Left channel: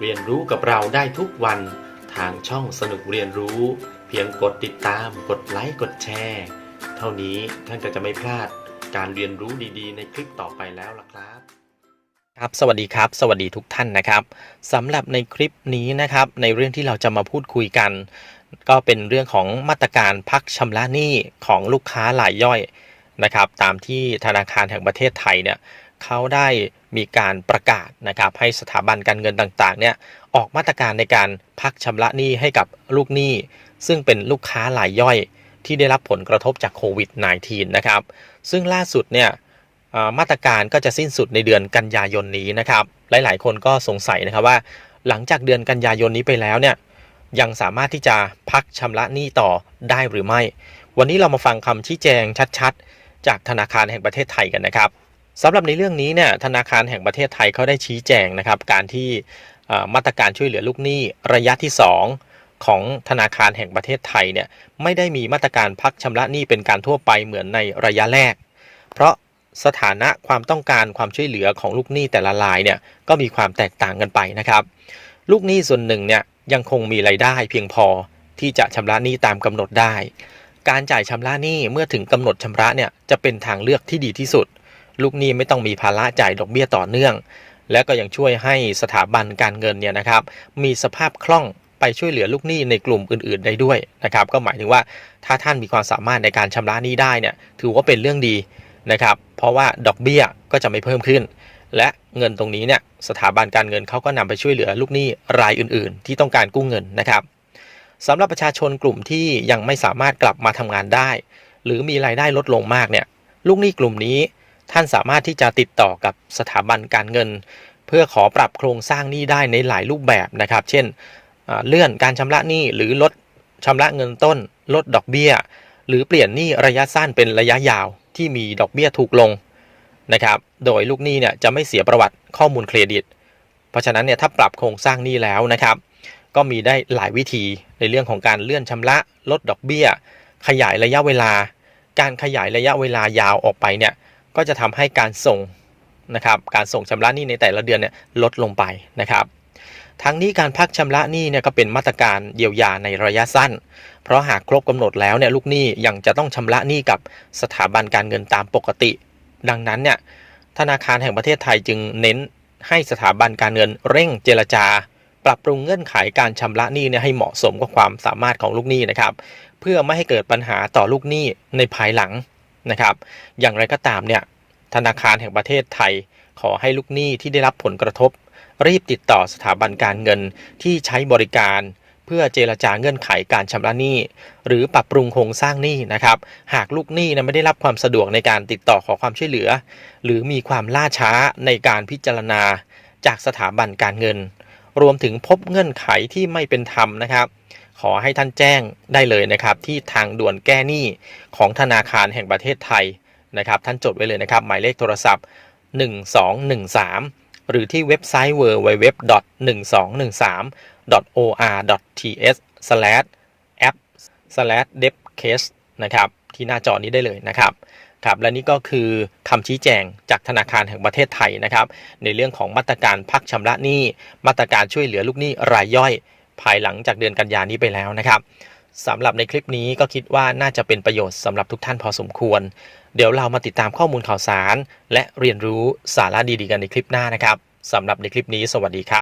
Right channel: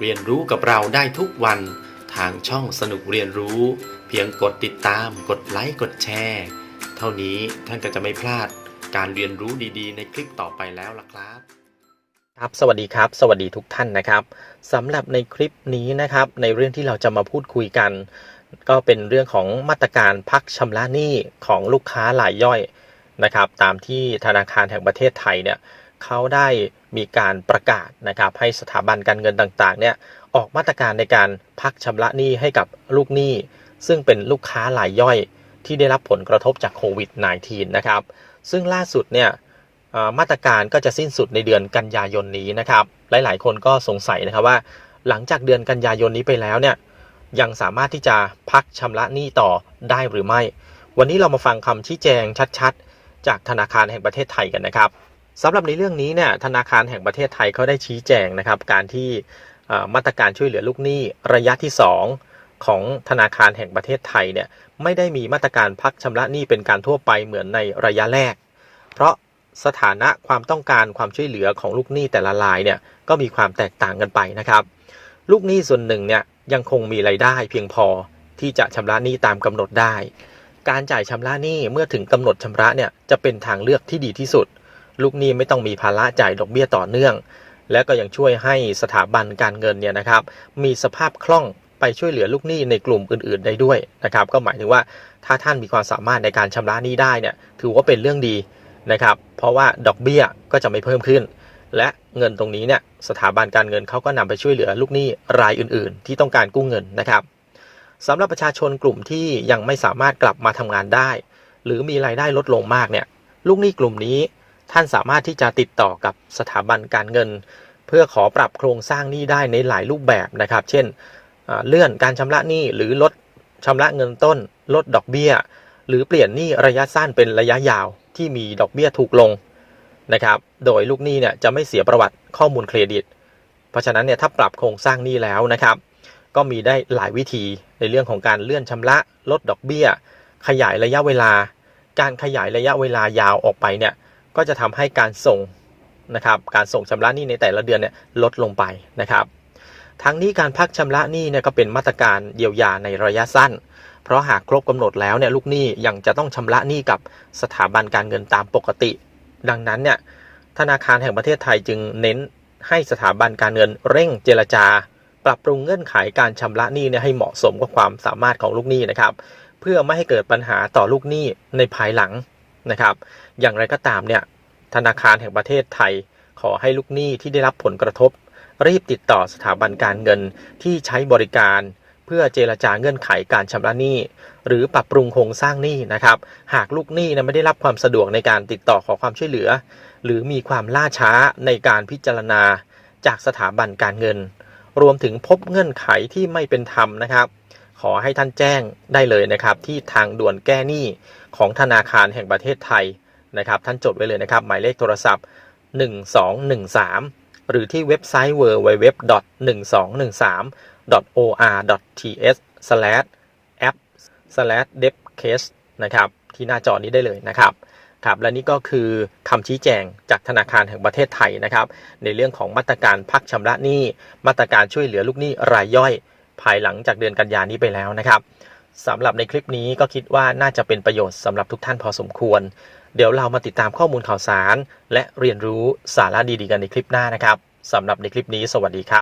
เรียนรู้กับเราได้ทุกวันทางช่องสนุกเรียนรู้ เพียงกดติดตาม กดไลค์กดแชร์เท่านี้ท่านก็จะไม่พลาดการเรียนรู้ดีๆ ในคลิปต่อไปแล้วล่ะครับครับสวัสดีครับ สวัสดีทุกท่านนะครับสำหรับในคลิปนี้นะครับ ในเรื่องที่เราจะมาพูดคุยกัน ก็เป็นเรื่องของมาตรการพักชำระหนี้ของลูกค้ารายย่อยนะครับ ตามที่ธนาคารแห่งประเทศไทยเนี่ย เขาได้มีการประกาศนะครับให้สถาบันการเงินต่างๆเนี่ยออกมาตรการในการพักชำระหนี้ให้กับลูกหนี้ ซึ่งเป็นลูกค้ารายย่อยที่ได้รับผลกระทบจากโควิด -19 นะครับ ซึ่งล่าสุดเนี่ยมาตรการก็จะสิ้นสุดในเดือนกันยายนนี้นะครับ หลายๆ คนก็สงสัยนะครับว่า หลังจากเดือนกันยายนนี้ไปแล้วเนี่ยยังสามารถที่จะพักชำระหนี้ต่อได้หรือไม่ วันนี้เรามาฟังคำชี้แจงชัดๆ จากธนาคารแห่งประเทศไทยกันนะครับ สำหรับในเรื่องนี้เนี่ยธนาคารแห่งประเทศไทยเขาได้ชี้แจงนะครับ การที่มาตรการช่วยเหลือลูกหนี้ระยะที่ 2 ของธนาคารแห่งประเทศไทยเนี่ยไม่ได้มีมาตรการพักชำระหนี้เป็นการทั่วไปเหมือนในระยะแรก เพราะสถานะความต้องการความช่วยเหลือของลูกหนี้แต่ละรายเนี่ยก็มีความแตกต่างกันไปนะครับ ลูกหนี้ส่วนหนึ่งเนี่ยยังคงมีรายได้เพียงพอที่จะชำระหนี้ตามกำหนดได้ การจ่ายชำระหนี้เมื่อถึงกำหนดชำระเนี่ยจะเป็นทางเลือกที่ดีที่สุด ลูกหนี้ไม่ต้องมีภาระจ่ายดอกเบี้ยต่อเนื่อง และก็ยังช่วยให้สถาบันการเงินเนี่ยนะครับ มีสภาพคล่องไปช่วยเหลือลูกหนี้ในกลุ่มอื่น ๆ ได้ด้วยนะครับ ก็หมายถึงว่าถ้าท่านมีความสามารถในการชำระหนี้ได้เนี่ยถือว่าเป็นเรื่องดีนะครับ เพราะว่าดอกเบี้ยก็จะไม่เพิ่มขึ้น และเงินตรงนี้เนี่ยสถาบันการเงินเขาก็นำไปช่วยเหลือลูกหนี้รายอื่น ๆ ที่ต้องการกู้เงินนะครับสำหรับประชาชนกลุ่มที่ยังไม่สามารถกลับมาทำงานได้ หรือมีรายได้ลดลงมากเนี่ยลูกหนี้กลุ่มนี้ ท่านสามารถที่จะติดต่อกับสถาบันการเงิน เพื่อขอปรับโครงสร้างหนี้ได้ในหลายรูปแบบนะครับ เช่นเลื่อนการชำระหนี้หรือลดชำระเงินต้น ลดดอกเบี้ย หรือเปลี่ยนหนี้ระยะสั้นเป็นระยะยาวที่มีดอกเบี้ยถูกลงนะครับ โดยลูกหนี้เนี่ยจะไม่เสียประวัติข้อมูลเครดิต เพราะฉะนั้นเนี่ยถ้าปรับโครงสร้างหนี้แล้วนะครับ ก็มีได้หลายวิธีในเรื่องของการเลื่อนชำระ ลดดอกเบี้ย ขยายระยะเวลา การขยายระยะเวลายาวออกไปเนี่ย ก็จะทำให้การส่งนะครับการส่งชำระหนี้ในแต่ละเดือนเนี่ยลดลงไปนะครับทั้งนี้การพักชำระหนี้เนี่ยก็เป็นมาตรการเยียวยาในระยะสั้น เพราะหากครบกำหนดแล้วเนี่ยลูกหนี้ยังจะต้องชำระหนี้กับสถาบันการเงินตามปกติ ดังนั้นเนี่ยธนาคารแห่งประเทศไทยจึงเน้นให้สถาบันการเงินเร่งเจรจา ปรับปรุงเงื่อนไขการชำระหนี้เนี่ยให้เหมาะสมกับความสามารถของลูกหนี้นะครับ เพื่อไม่ให้เกิดปัญหาต่อลูกหนี้ในภายหลัง นะครับ อย่างไรก็ตามเนี่ยธนาคารแห่งประเทศไทย ขอให้ลูกหนี้ที่ได้รับผลกระทบ รีบติดต่อสถาบันการเงินที่ใช้บริการ เพื่อเจรจาเงื่อนไขการชำระหนี้ หรือปรับปรุงโครงสร้างหนี้นะครับ หากลูกหนี้นะไม่ได้รับความสะดวกในการติดต่อขอความช่วยเหลือ หรือมีความล่าช้าในการพิจารณาจากสถาบันการเงิน รวมถึงพบเงื่อนไขที่ไม่เป็นธรรมนะครับ ขอให้ท่านแจ้งได้เลยนะครับ ที่ทางด่วนแก้หนี้ของธนาคารแห่งประเทศไทยนะครับ ท่านจดไว้เลยนะครับ หมายเลขโทรศัพท์ 1213 หรือที่เว็บไซต์ www.1213.or.ts/app/debcase นะครับ ที่หน้าจอนี้ได้เลยนะครับครับและนี่ก็คือคำชี้แจงจากธนาคารแห่งประเทศไทยนะครับ ในเรื่องของมาตรการพักชำระหนี้ มาตรการช่วยเหลือลูกหนี้รายย่อย ภายหลังจากเดือนกันยานี้ไปแล้วนะครับสำหรับในคลิปนี้ก็คิดว่าน่าจะเป็นประโยชน์สำหรับทุกท่านพอสมควร เดี๋ยวเรามาติดตามข้อมูลข่าวสาร และเรียนรู้สาระดีๆกันในคลิปหน้านะครับสำหรับในคลิปนี้สวัสดีครับ